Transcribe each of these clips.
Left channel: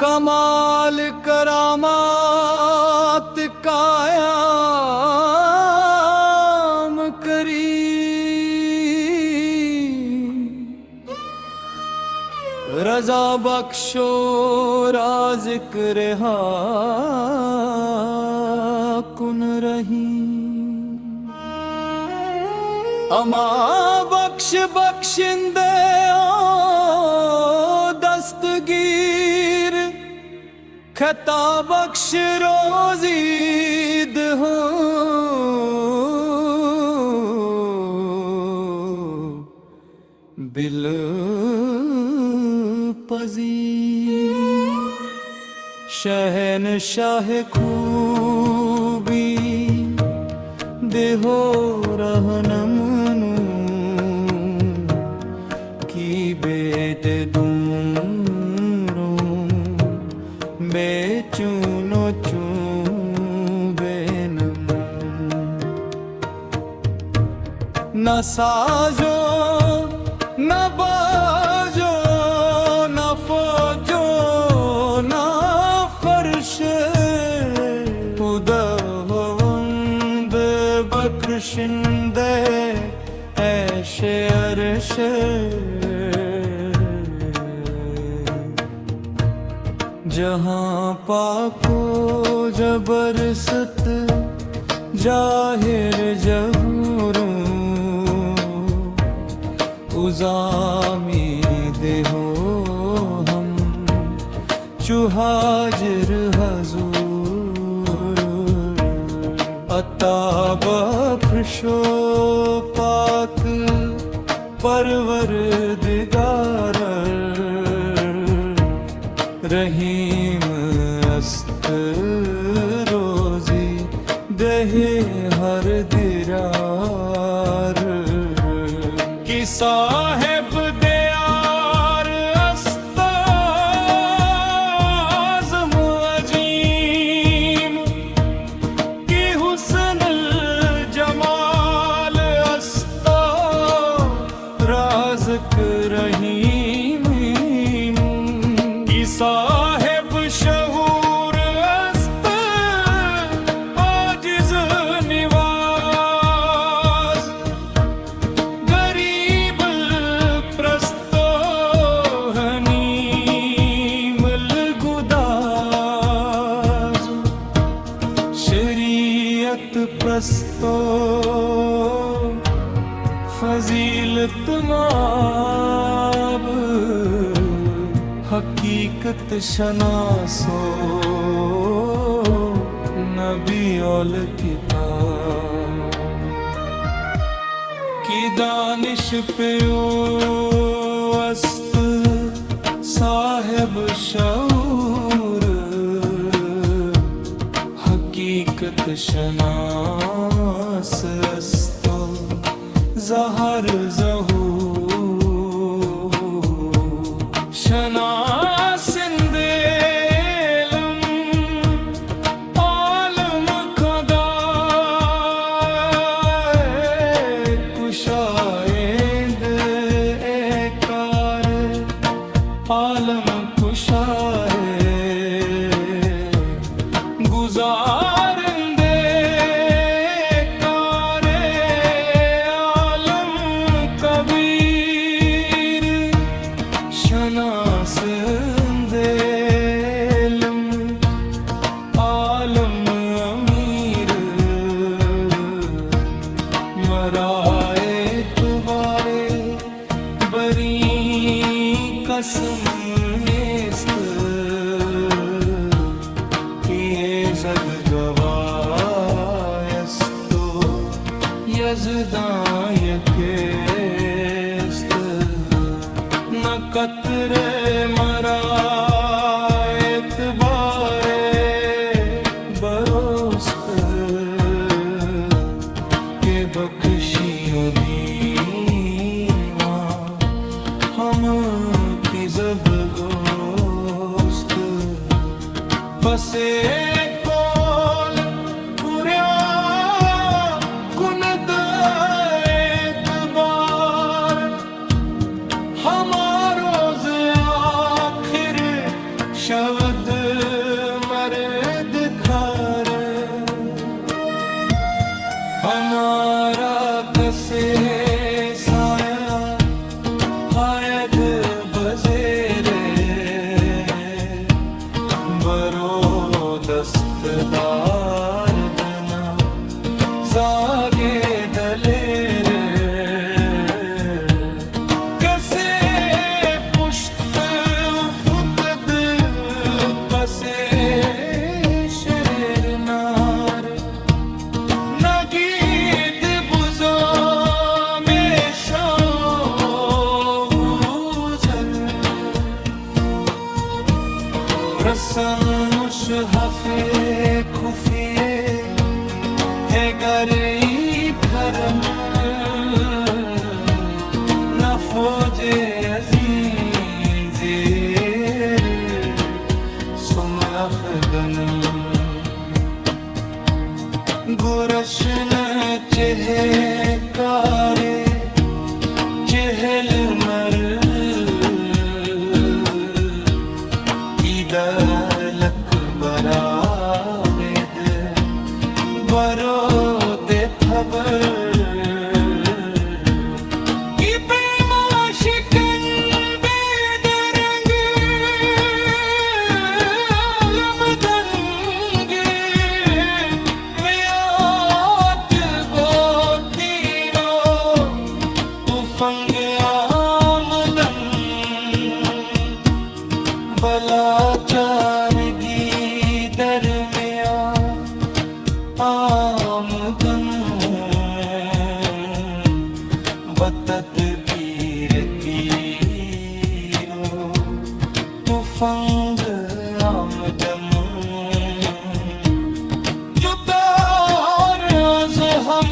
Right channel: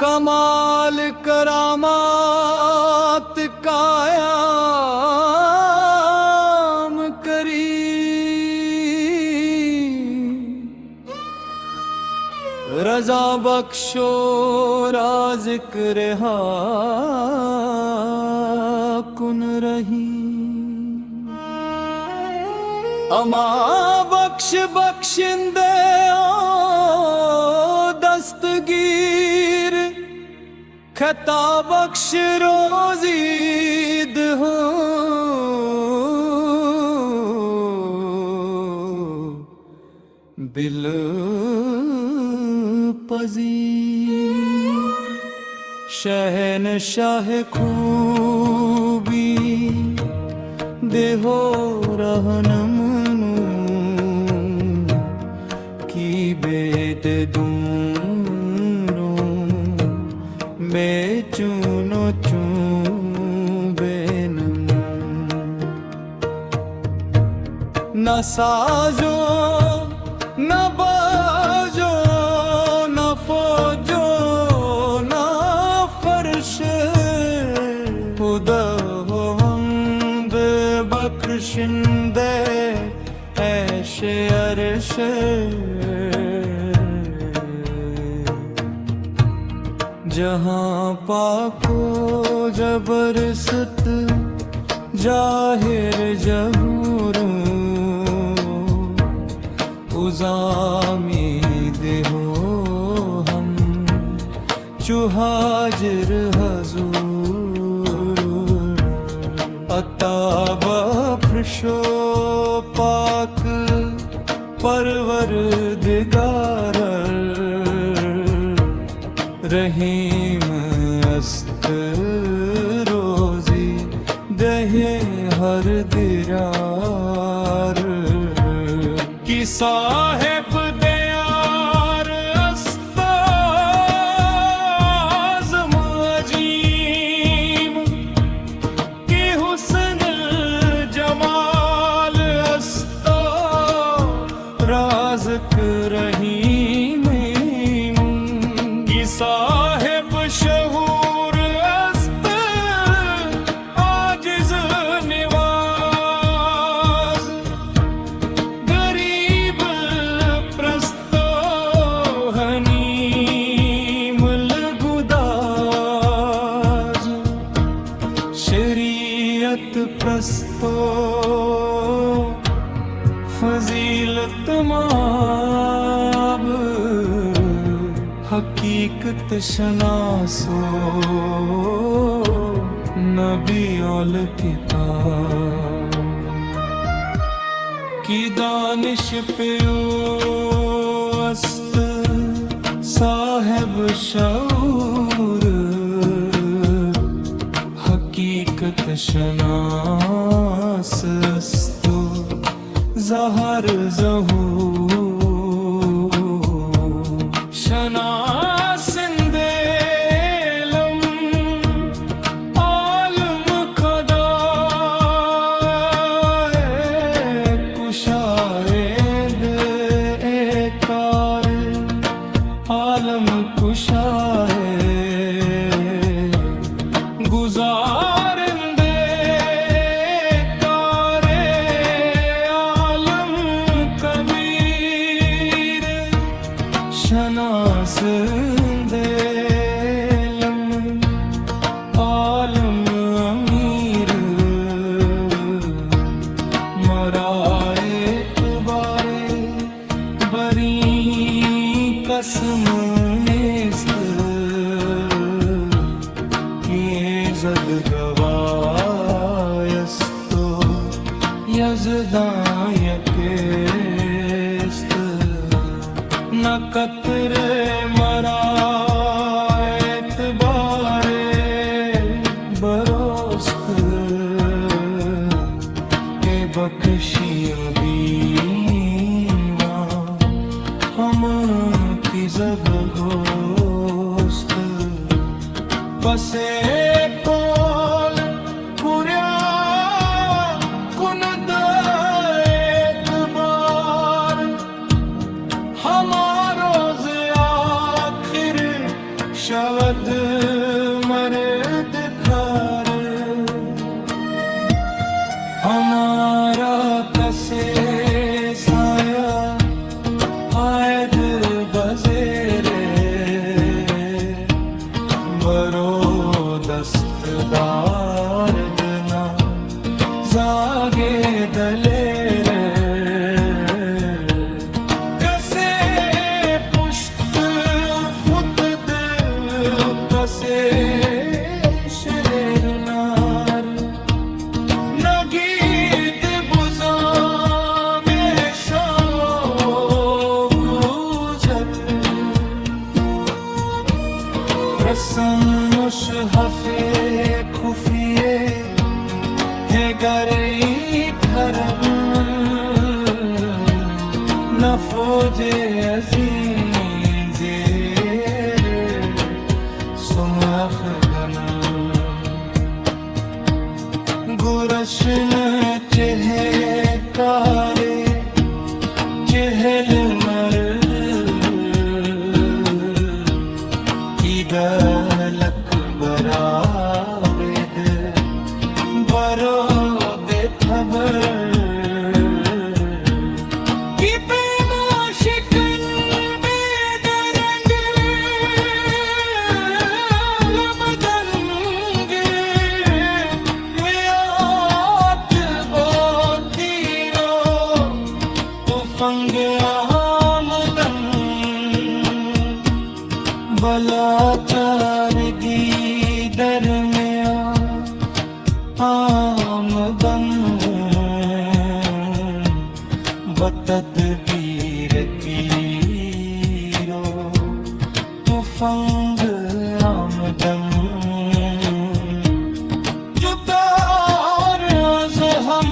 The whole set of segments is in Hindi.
कमाल करामात कायम करी, रजा बख्शो राज़िक्र कुन रही। अमा बख्श बख्शिंदे दस्तगीर, खता बख्श रोज़ीद हो, बिल पज़ीर। शहनशाह खूबी देहो रहनमनू, की बेट दूरों बेचूनो बेनमू। न साजो न बाजो न फौजो न फर्श, खुदा होवंद बख्शिंदे ऐशे अर्श। जहाँ पाको जबरसत जाहिर जहूर, उज़ामी देहो हम चुहाजिर हजूर। अता बख्शो पाक परवरदिगार, रहीम अस्त रोज़ी दहे हर दिरार। कि साहिब दयार अस्ताज़म अजीम, कि हुस्न जमाल अस्ता राज़िक रहीम। कि साहिब शहूर अस्त आजिज़ निवाज़, गरीब प्रस्तो हनीम गुदाज। शरीयत प्रस्तो फजीलत माब, हकीकत शनासो नबी औल किताब। की दानिश पे अस्त साहिब शऊर, हकीकत शनास अस्तो ज़हर ज़हूर। शनासिंदे इल्म आलम खदाए, कुशाएद एकार आलम कुशाए। गुजारिंदे कारे आलम कबीर, शनासिंदे इल्म आलम अमीर। मराएत बारे बरी कसम नेस्त, किए जद गवायस्तो यज़दां यकेस्त। न कतरे मराएत बारे बरोस्त, के बख्शियों दीवान हम की जब गोस्त। पसे कोल पुर्या कुन एतबार, हमारोज़ आखिर शवद दारदना जागे दलेर कसे पुष्ट फुतद पसे शरीरनार नगीद बुजो में शो गुजर रसम मुशहफे खुफिए है गरी फरम न फौजे अज़ीम ज़ेर सुम अफ़ग़नम गुरशन चहे कारे चहल मर ईदलक बरावेद बरो दे खबर की बेमाशिकन बेदरंग लमदंग मियात बोतीरो तू फंग आमदन बलाचारगी दरमिया आमदन बतदबीर जीरो तुफंग आमदम जुगार आज हम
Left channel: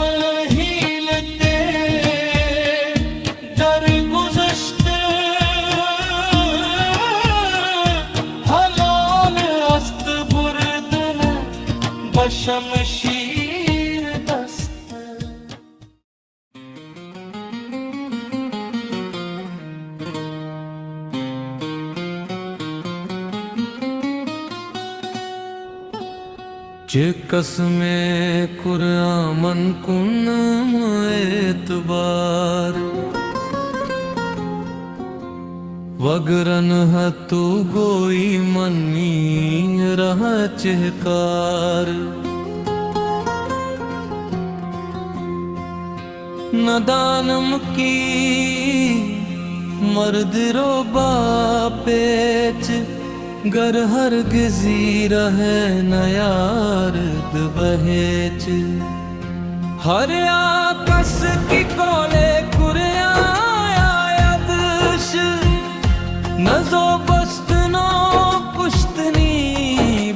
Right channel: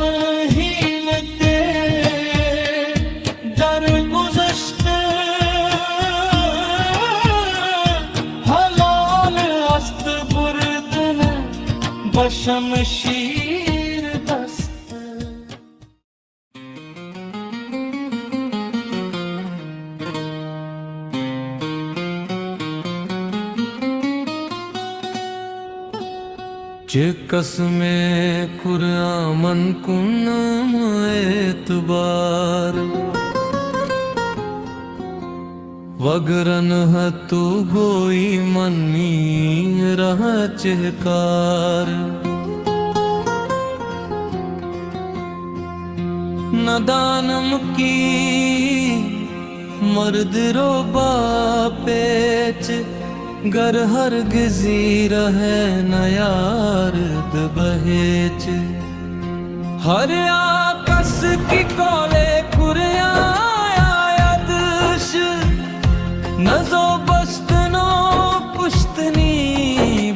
हीलते दर गुज़श्त हलाल अस्त बुरदन बशमशीर दस्त चिकस में कुरामन कुन एतबार वगरन हतु गोई मन्नी रह चहकार नदानम की मर्द रो बापेच गर हरगिज़ी रहे न यारद बहेच हर आकस की कोले कुरियायादश नजो बस्तनो पुश्तनी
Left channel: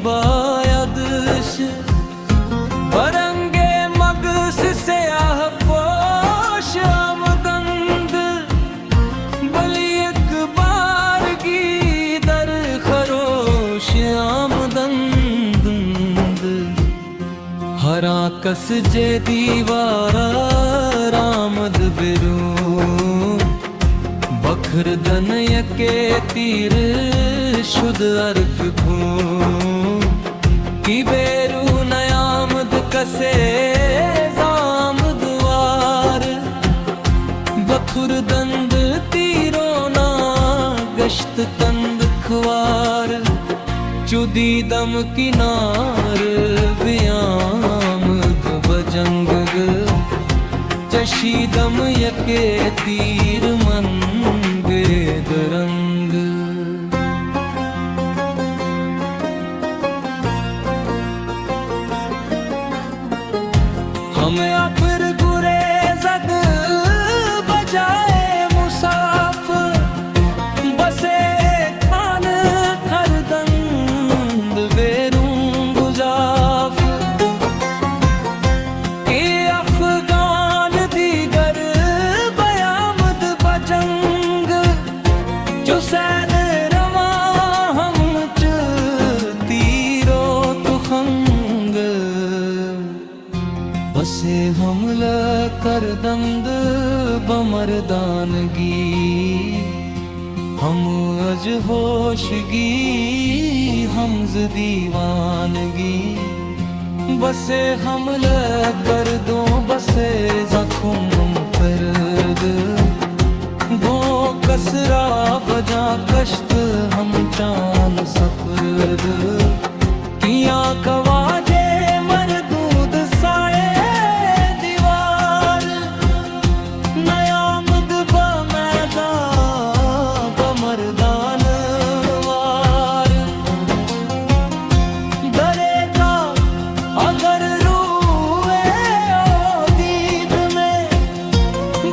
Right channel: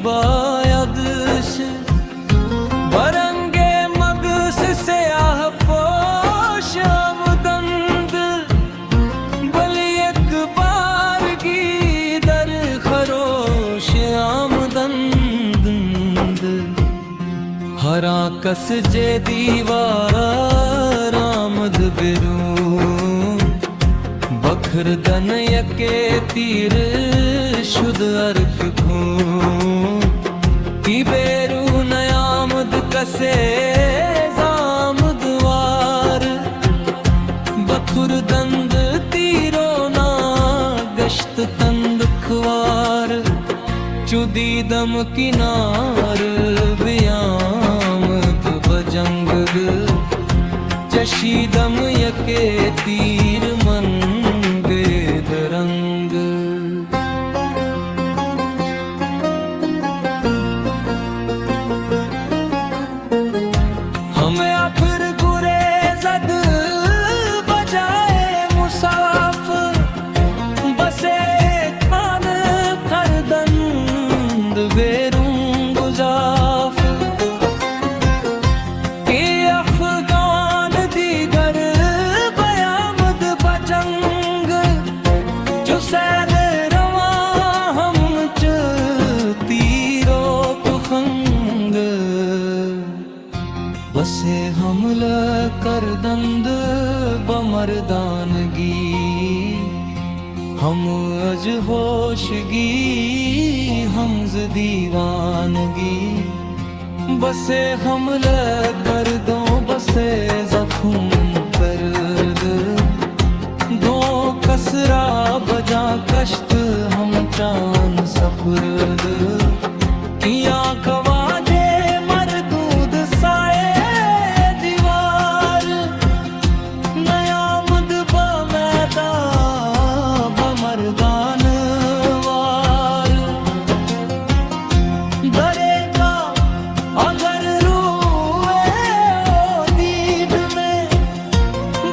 बायदश बरंगे मगस से आह पोश आमदंद बली एक बार की दर खरोश आमदंद हरा कस जे दीवारा रामद बिरू बखर दन यके तीर शुद्ध अर्क भू की बेरू नयामद कसे जामद वार बखुर दंद तीरो ना गश्त तंद खुवार चुदी दम किनार बियामद बजंग चशीदम यके तीर मन बेदरंग हमें फिर गुरेज़द बजाए मुसाफ बसे खान खरदंद बेरूं गुजाफ के अफगान दीगर बयामद बजंग चुसैल रवा हम च तीरो तुखंग बसे हमला कर दंद बमरदानगी हम अज होशगी हमज दीवानगी बसे हमला कर दो बसे जख्म पर्द दो कसरा बजा कश्त हम चान सफरद किया खवाजे मरदूद साए दीवार नयामद मैदान बमरदान वार दरे का अगर रूए ओ दीद में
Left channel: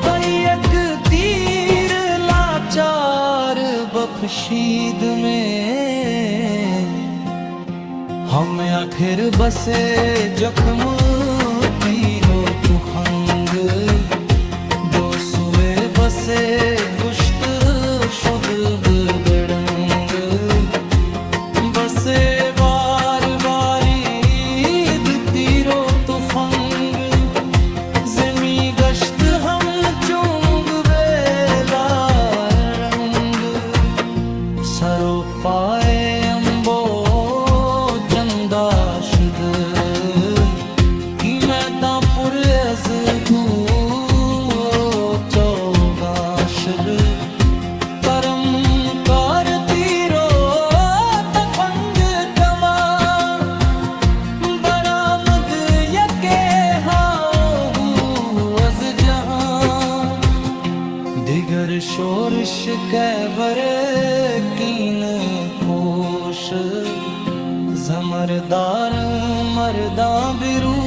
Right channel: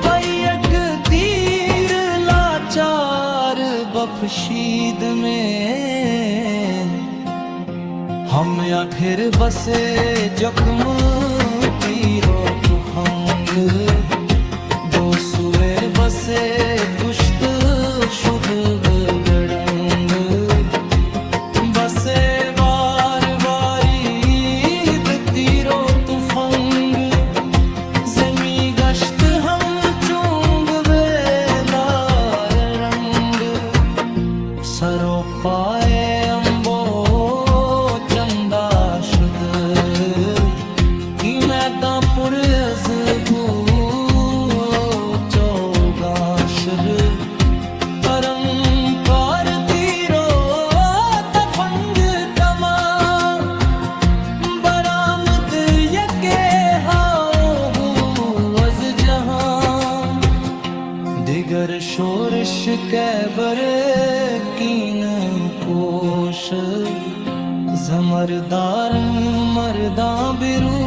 भाई एक तीर लाचार बफशीद में हम आखिर बसे जख्म तीरो तुखंग दो सुए बसे कुश्त शुद बदरंग बसे बार बारीद तीरो तुफंग जमी गश्त हम चूंग बेलार रंग सरो पाए अम्बो चंदा शुद की मैदान पुर अज को चौगाशर परम कार तीरो तफंग कमा बरामद यके हाओ अज जहां दिगर शोरश कैबर कीन कोश जमरदार मरदा बिरू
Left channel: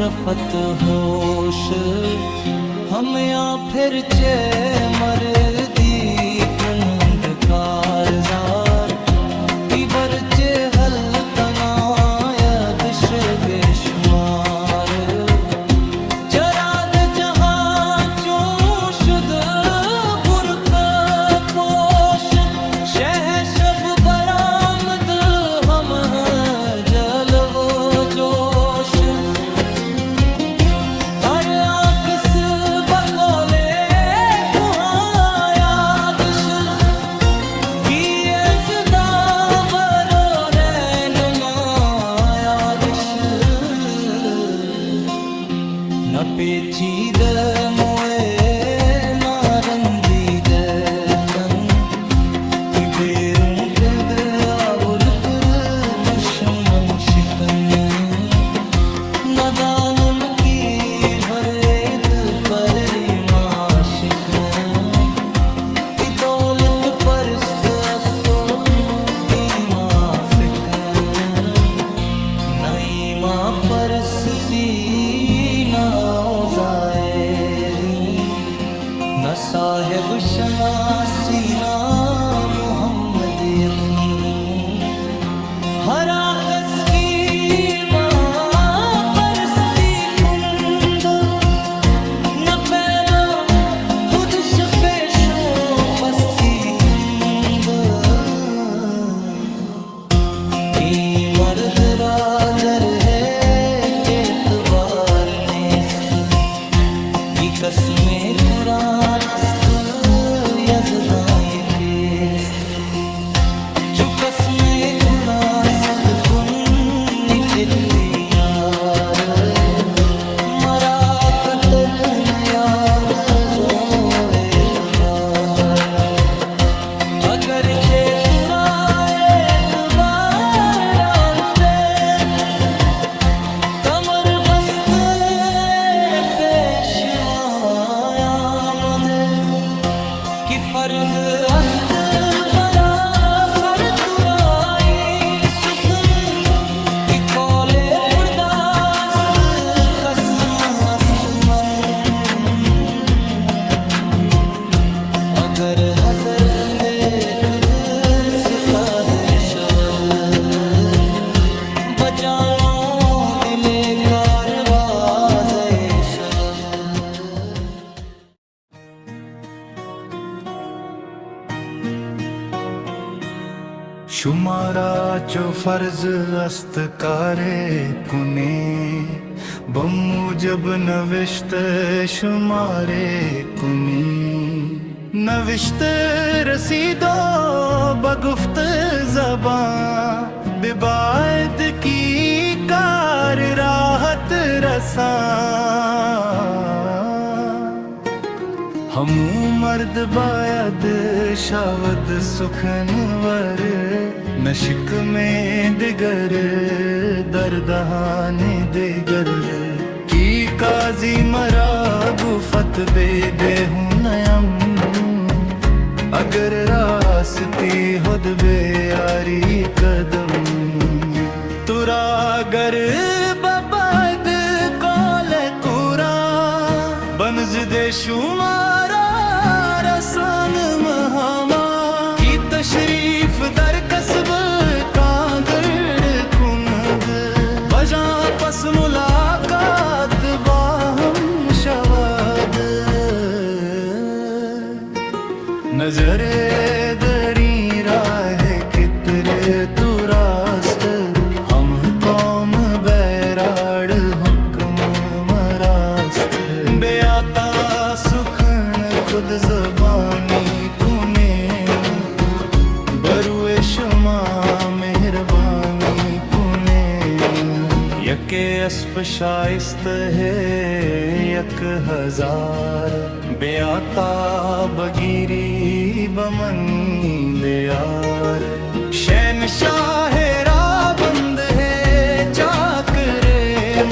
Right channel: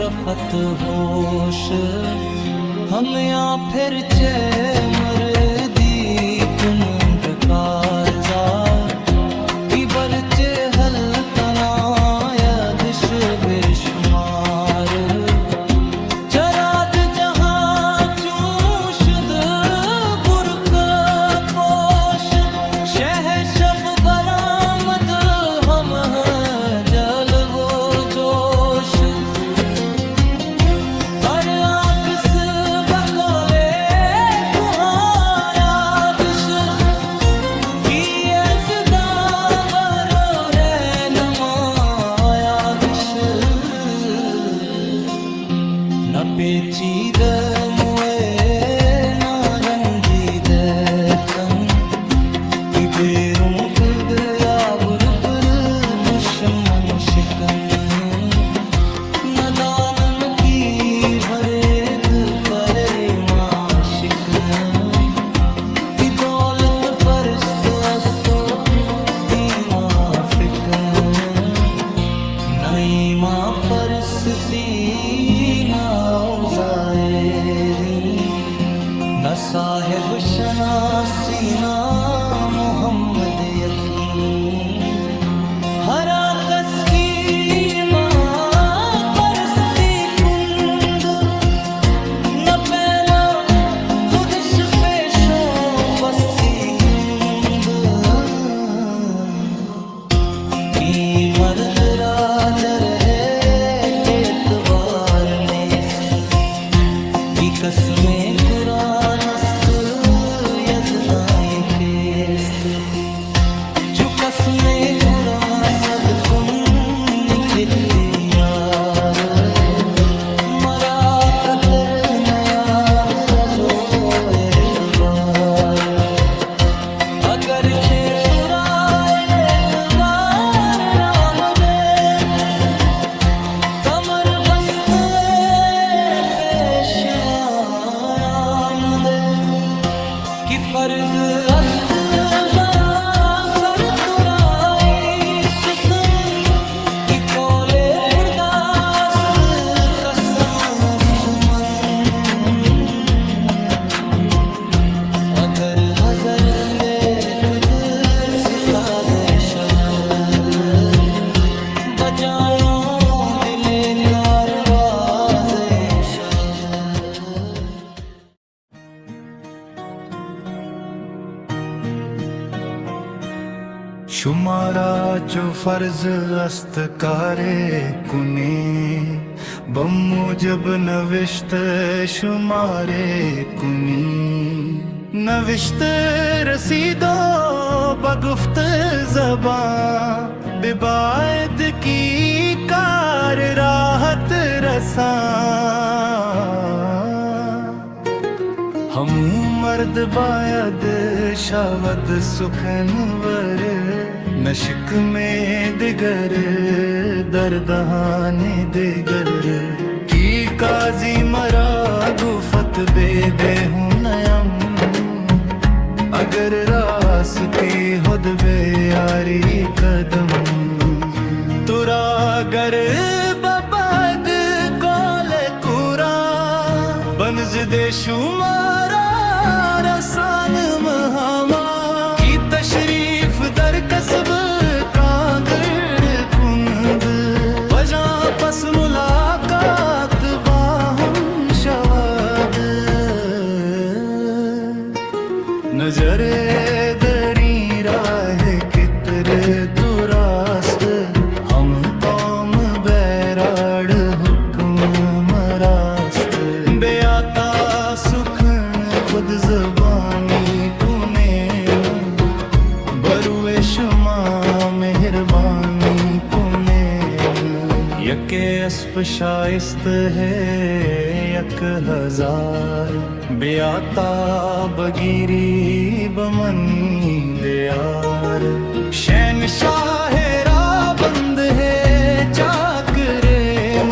रफत होश हम या फिर चे मर्दी कुंद कारजार की बरचे हल तनायदश बेशुमार चराग जहां चूशद बुरक पोश शह शब बरामद हम जल वो जोश हर आकस बकोले कुहायादश की अजदा बरो रैन मायादश न पेचीद मोए न रंजीद तन की बेरों कद आबुर पर दुश्मन शिकन नदानम की भरेत पर माशिक की दौलत परस्त अस्तो की माफिक नई माँ परस्ती न औजाए दी न साहिब शनासी ना मोहम्मद यकीन हरा कस की माँ परस्ती कुंद न पैमा खुदश पेशो पस्ती कुंद की मर्द राजर है एतबार नेस्त की कसमें कुरानस्त यजदाए केस्त चुकस में कुरा सद कुन निखिती यार मरा कतर न याद अजो एतबार अगर खे तुरा एतबार राम दे कमर बस्त पेशवायाम दे कि फर्ज अस्त बरा सर तुराई सुख की कौले पुरदास्त कसम अस्त मन अगर हजरते खुद सिखा दे शबद बजानो दिले कारवाजे शबद शुमारा चो फर्ज अस्त कारे कुने बमूजब नविश्त शुमारे कुनी नविश्त रसीदो बगुफ्त ज़बां बिबाद की कार राहत रसा हमू मर्द बायद शावद सुखनवर नशिक में दिगर दर्दहाने दिगर की काजी मरा गुफत बेदे हूँ नयम अगर रास्ती खुद बे यारी कदम तुरा गर बबद कोले कुरा बनज दे शुमारा रसान महामा की तशरीफ दर कसब कागर कुंद बजा पस मुलाकात बाहम शवाद नजरे दरी राह कितर तू रास्त हम कौम बैराड़ हुक्म मरास्त बेआता सुखन खुद ज़बानी कुनेन बरुए शुमा मेहरबानी कुनेन यके अस्प शाइस्त है यक हजार बेआता बगीरी बमनी दयार शहनशाह राबंद है चाकरेम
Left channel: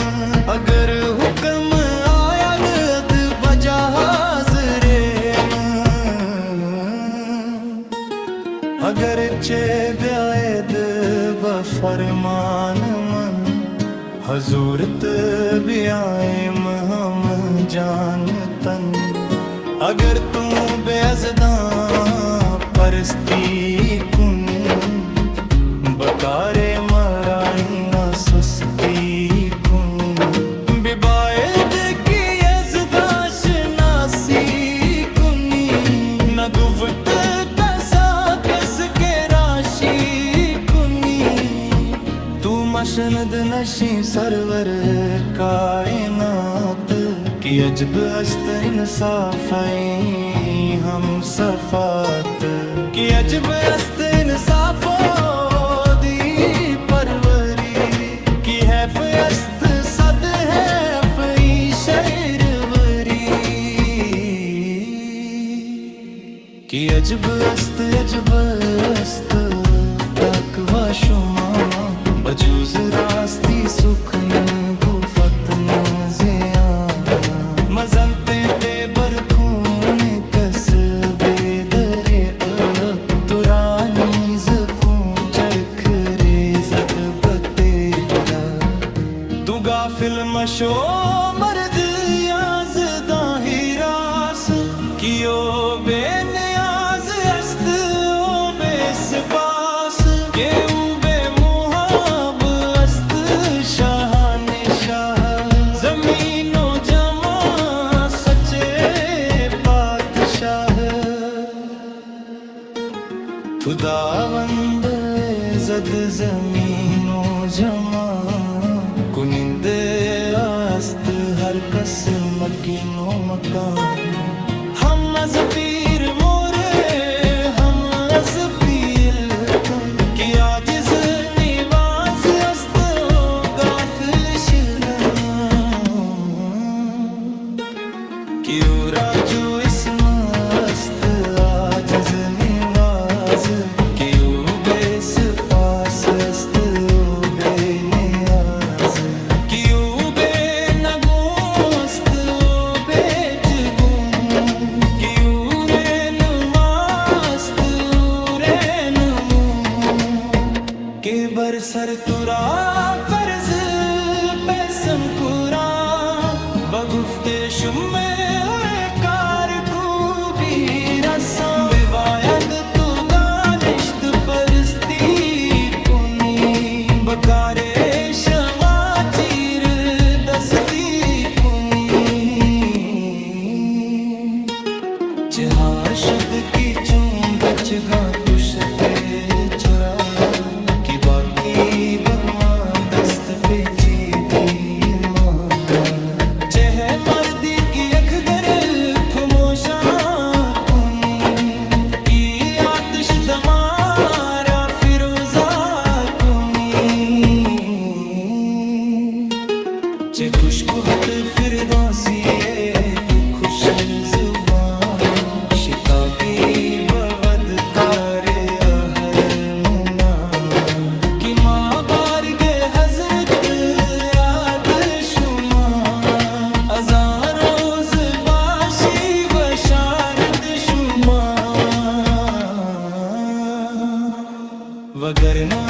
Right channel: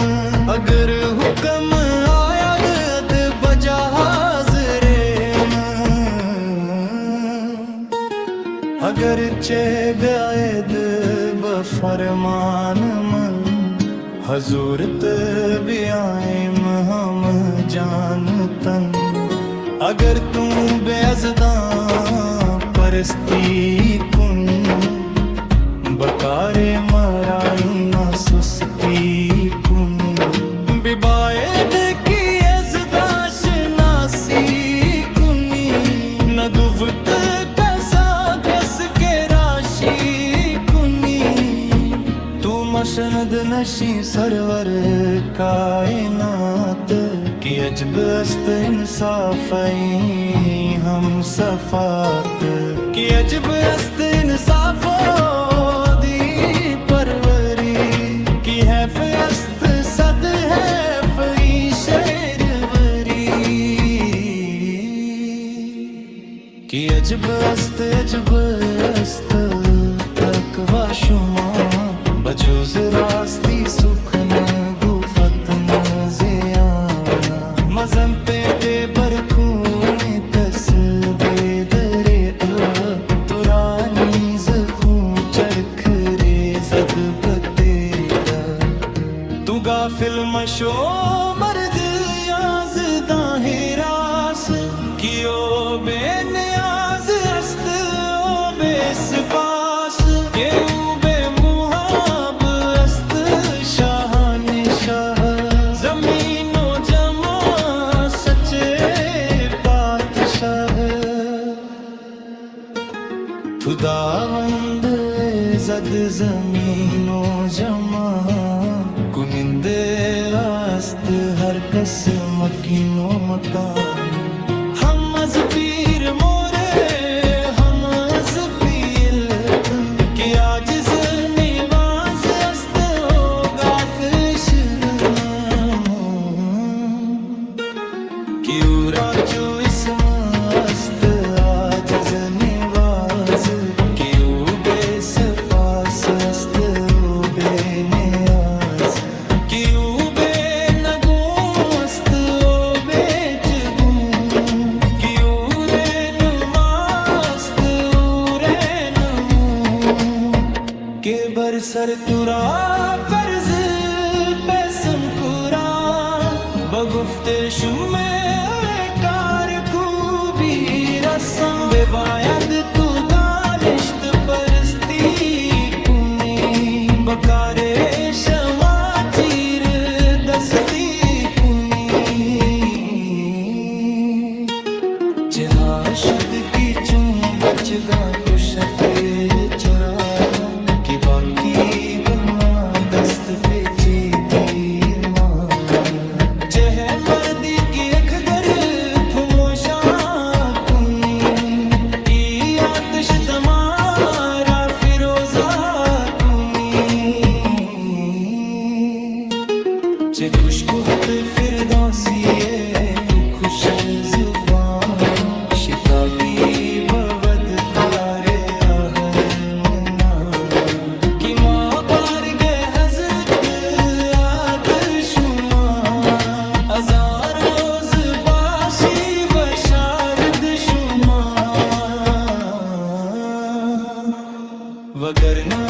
अगर हुक्म आया गद बजाजरेम अगर चे ब्यायद बफरमान मन हजूरत बियाम हम जानतन अगर तू बेअज़दा परस्ती कुन बकारे मराई ना सुस्ती कुन बिबायद की अज़दाश नासी कुनी न गुफ्त कसा कस के राशि कुनी तू मशनद नशी सरवर कायनात की अजब अस्त इंसाफ़ई हम सफ़ात की अजब अस्त इंसाफ़ो दी परवरी की हैफ अस्त सद हैफ ई शेरवरी की अजब अस्त तकवा शुमा बजूज रास्ती सुखन गुफतन ज़ियाना मज़ंते ते बरखून कस बेदरे तुरानी ज़कूं चरख रेज़द बतेरा तू गाफिल मशो मर्द याज़दा हिरास कियो बेनियाज अस्त ओ बेसपास के उबे शाहन शाह जमीनो जमा सच्चे पातशाह खुदावंद जद जमीनो जमा कुनिंदे आस्त हर कस मकीनो मकान हम अज पीर मोरे हम अज पील की आजिज निवाज अस्त गाफिल शिरमा क्यूरा चू इसमस्त आजिज निवाज क्यू बेस पास अस्त ओ बेनियाज क्यू बे नगो अस्त ओ बेच के बरसर तुरा फर्ज पैसम कुरा बगुफ्ते शुमे कार खूबी रसा बेबायद तू दानिश्त परस्ती कुनी बकारे शमा चीर दस्ती कुनी चहाशुद की चूं बचगा कुशते चुरा कि बाकी बमा दस्त पेची दी माँ चह मर्दी की अखगर फमोशा कुनी की आतिश दमारा फिरोजा कुनी चे खुशकुहत फिरदौसी को खुश जुबान शिकाबी बवद तारे आहर मुना कि माँ बार गे हजरत याद शुमा अज़ां रोज बाशी बशारद शुमा वगरना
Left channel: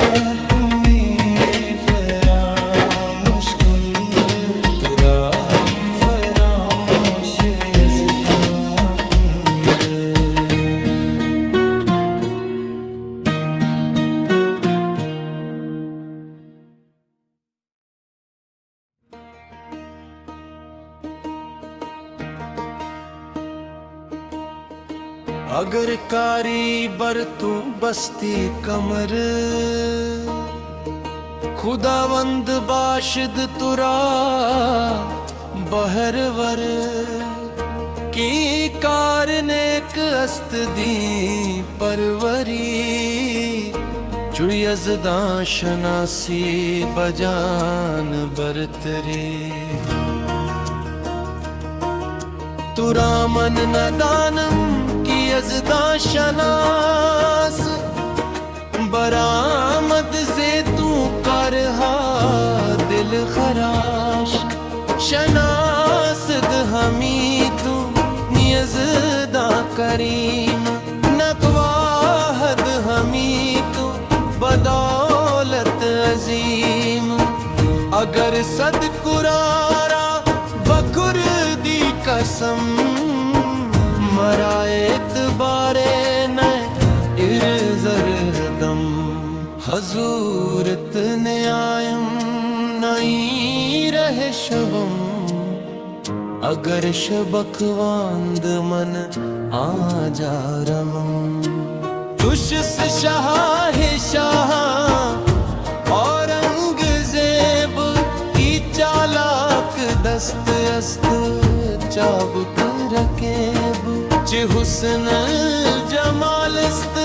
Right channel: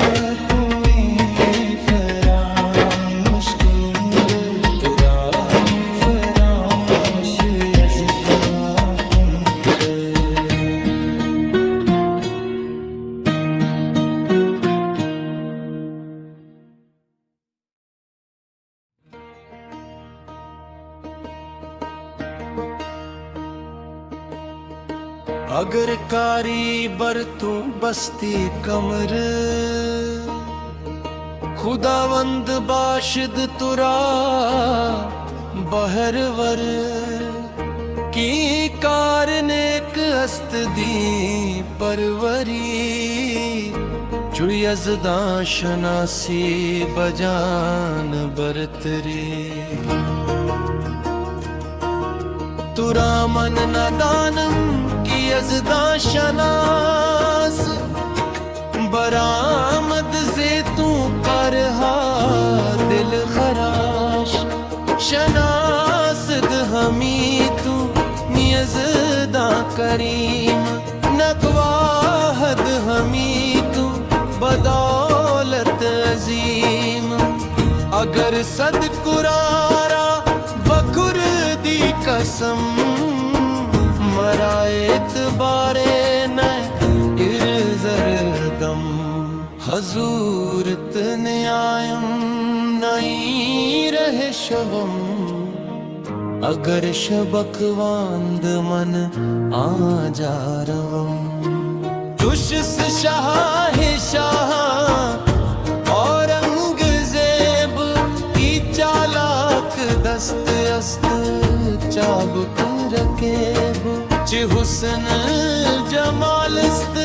तुम्हें फरामोश कुंद तुरा हम फरामोश यज़दा कुंद अगर कारी बर तू बस्ती कमर खुदावंद बाशिद तुरा बहरवर की कार नेक अस्त दी परवरी चुड़ी अज़दा शनासी बजान बरतरी तुरा मन नदानम की अज़दा शनास बरामद से तू करहा दिल खराश शनासद हमी तू नियज़दा करीम नकवाहद हमी तू बदौलत अजीम अगर सद कुरारा बकुर दी कसम मरायत बारे न इर्जरदम हजूरत न्यायम नई रहे शवम अगर शबकवांद मन आ जा रवम तुशस शाह शाह औरंगजेब की चालाक दस्त अस्त चाबुक रकेब चे हुस्न जमालस्त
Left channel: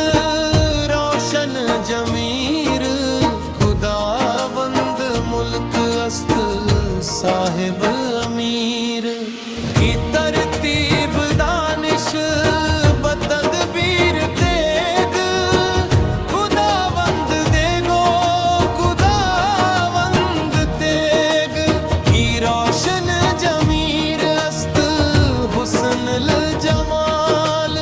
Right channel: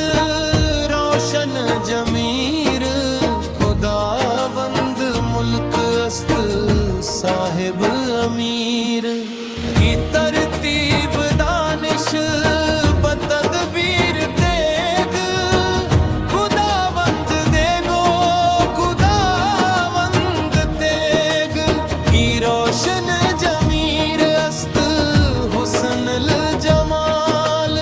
रोशन जमीर खुदावंद मुल्क अस्त साहिब अमीर की तरतीब दानिश बतदबीर तेग खुदावंद देगो खुदावंद तेग की रोशन जमीर अस्त हुस्न जमाल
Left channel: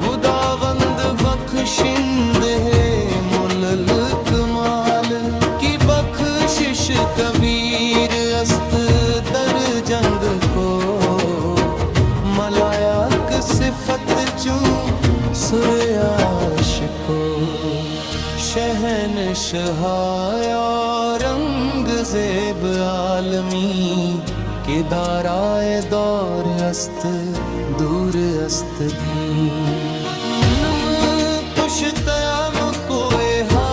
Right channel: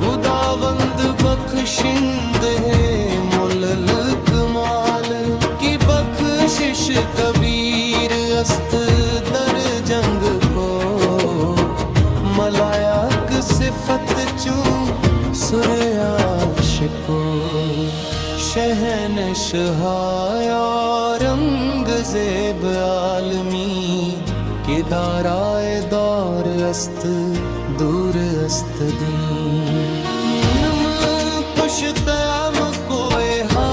खुदावंद बख्शिंद है मुल्ल कमाल की बख्शिश कबीर अस्त दर जंग को मलायक सिफत चू सुरयाश को शहन शहाया रंग जेब आलमी कि दाराए दौर अस्त दूर अस्त दी पुश्तयाम कोए हा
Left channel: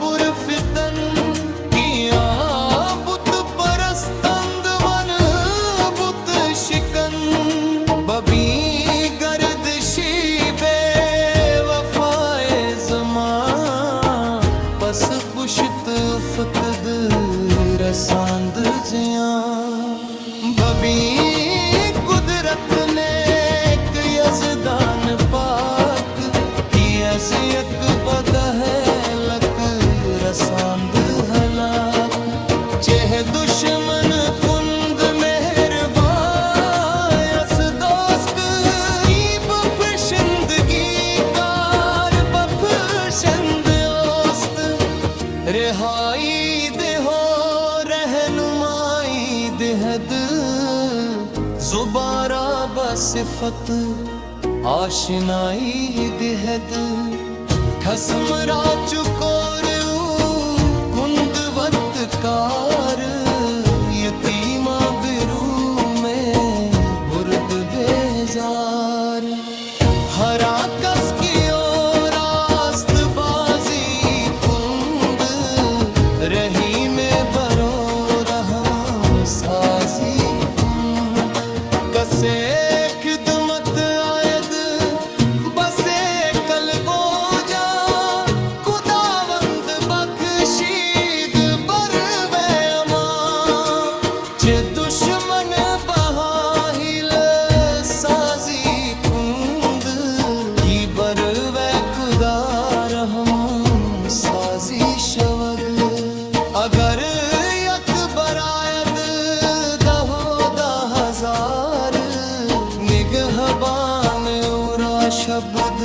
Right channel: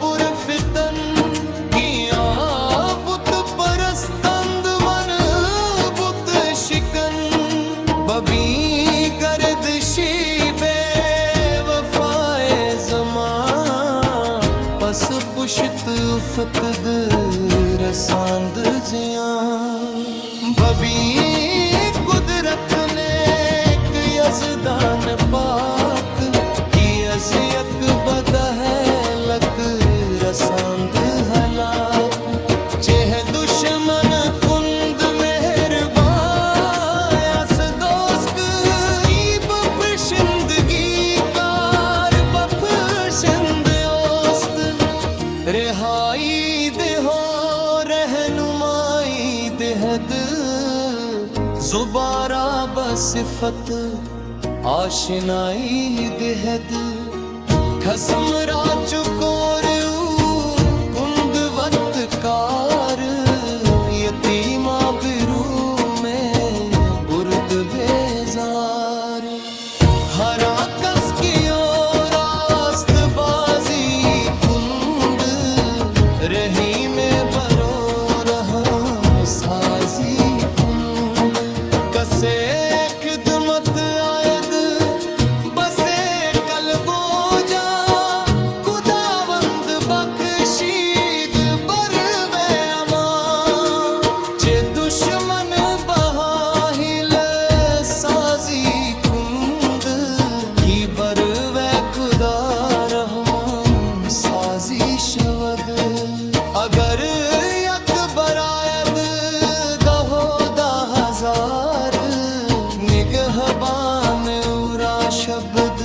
पुरफितन किया बुत परस्तंद मन बुत शिकन बबी गर्दशी बेवफाए ज़मा पस पुश्त उफ़त रसांद जिया बबी कुदरत ने एक यज़दान पाक की अज़ियत बदहलक रसांद हलाक चेह दुश्मन कुंद मेहरबान अस दोस्त की बख्शिंदगी कार बख्शिंद ओस्त रिहाई दे हो रहनुमाई देहद जुबारा बसिफत आशनाई देहद खसम राचुकोरु कुंदवत कार यतीमा बिरू में बुर्द बेजार हरा कस की ओर रास्त बाजी कुंद रही में बरो रहा साजी कुंद कसे खिदमत आयद बसे कलबो जा खुदावंद बख्शीद बरवे अमा चे दुश्मन बहाहिल साजी कुंद खुदा रहम साजी शवद अगर यक बरायद दहो दा हजार निगहबान उरा शब्द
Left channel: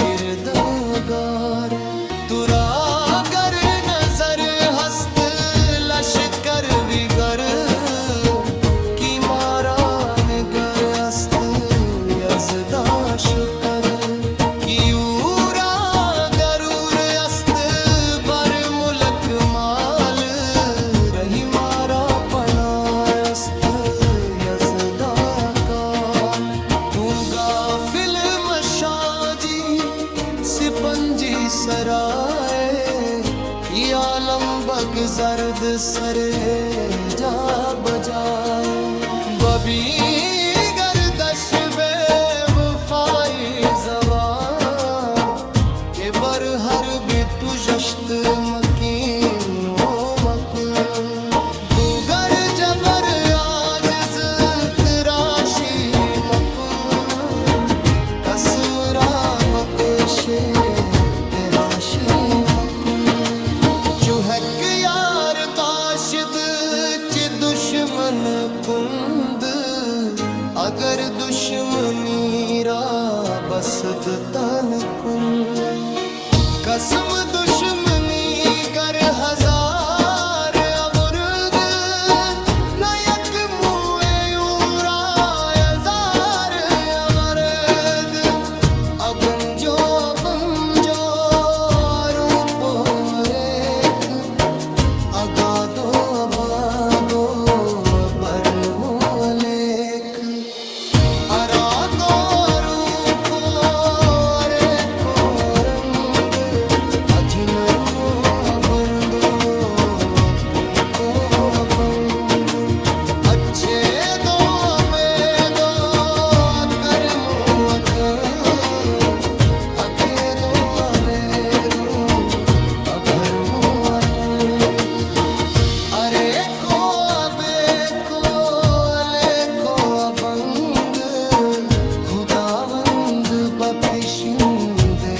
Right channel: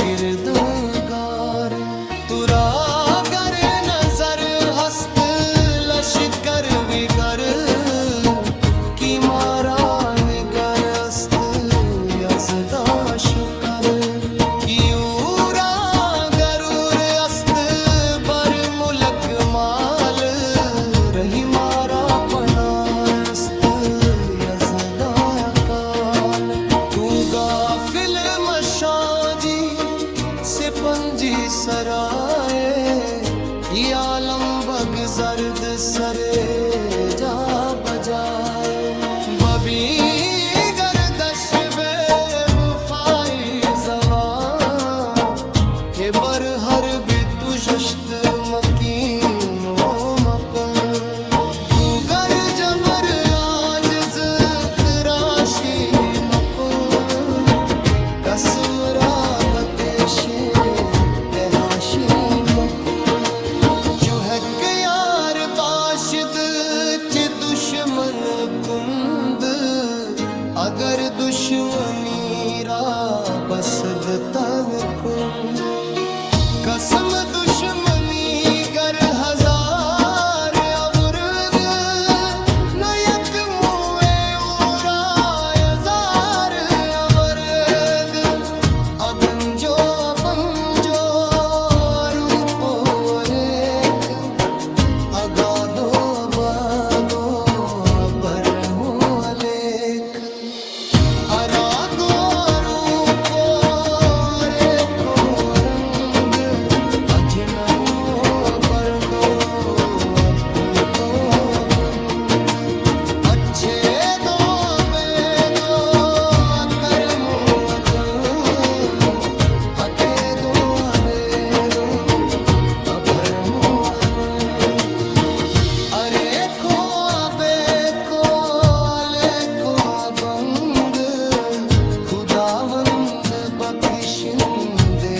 किरदगार तुरा गर नजर हस्त लश्कर विगर की मारा निगर अस्त यजदा शुकर कियूरा गरूर अस्त बर मुलक माल रही मारा पनाह अस्त यजदा अकाल तू गाफिल मशाजी सिपंजी सराए ये आलम बग जर्द सरे जा बजाए बबी गर्दश बेवफाई जवा के बर हर भी तुजश्त मकीनो मकून दूगर जबर आजिज तराशी मकून कसम राबते शेर तहाशी मकून चुहक यार बाशिद च दुश्मन कुंद अगर दुश्मनी रा बसद तन कुंद कसम दुश्मनी गर हजार अवरुद न यक मुए उरा हजार अवरद अगंजो बंजो रूपो रेख अगादो अबादो अबर मुलेख अरादो रूपो रेखो रंग अजनमो अबरदो अबूको अबंग अच्छे दो बेदो अकरमो अकं अखे दो अबेदो अभरमो अपन अरे को अबे को अले को अबंग खुदावंद बख्शिंदे